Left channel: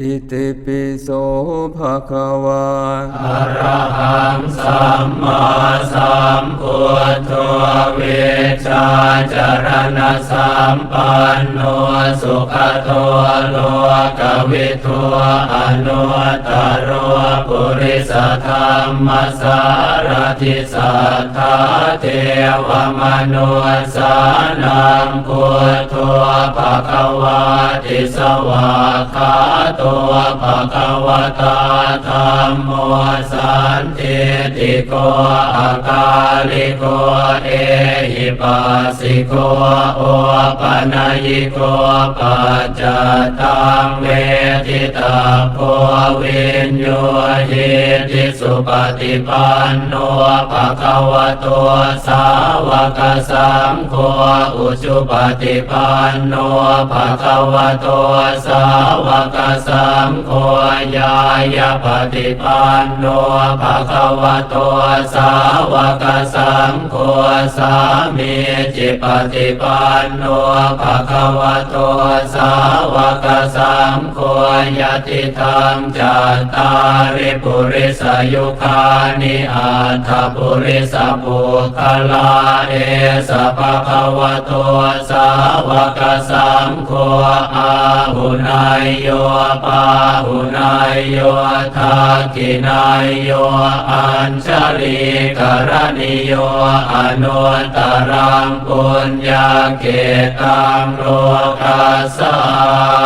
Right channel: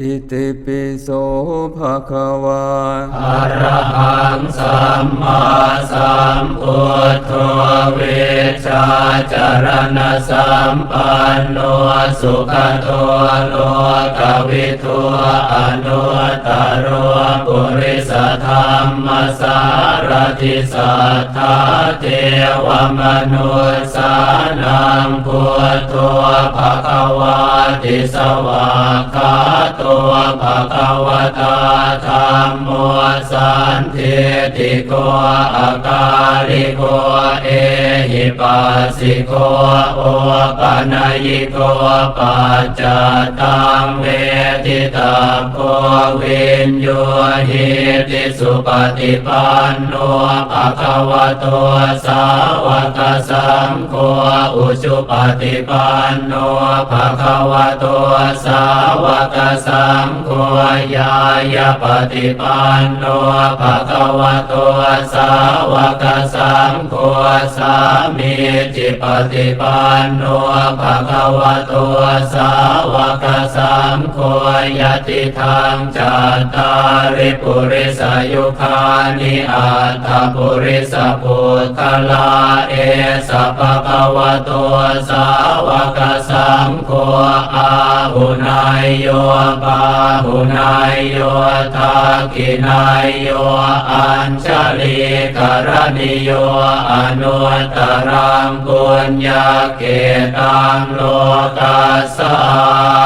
อิติปิโสภะคะวาอะระหังสัมมาสัมพุทโธเว จารณสัมปันโนสุขโตโลกวิทูอนุตตรปุริสธรรมสารทิสัทธาเทวมนุสานังพุทโธภะคะวาติสวากขาโตภะคะวตาธรรมโมสันติติโกอาการิโกเอ หิปัสสิโกโอปะนยิโกปัจจตังเวทิตาโกวินโยหิติสุปฏิปันโนภะคะวะโตสาวกสังโฆอุชุปฏิปันโนภะคะวะโตสาวกสังโฆยายาปฏิปันโนภะคะวะโตสาวกสังโฆสามีจิปฏิปันโนภะคะวะโตสาวกสังโฆยติธรรมจัตตาริปุริสยุคานิอัตถปุริสปุคลาเอสะภะคะวะโตสาวกสังโฆอาหุนายโยปาหุนายโยทากินายโยอัญชลีกรณิโยอนุตรังปุญญาเกตังโลกัสสา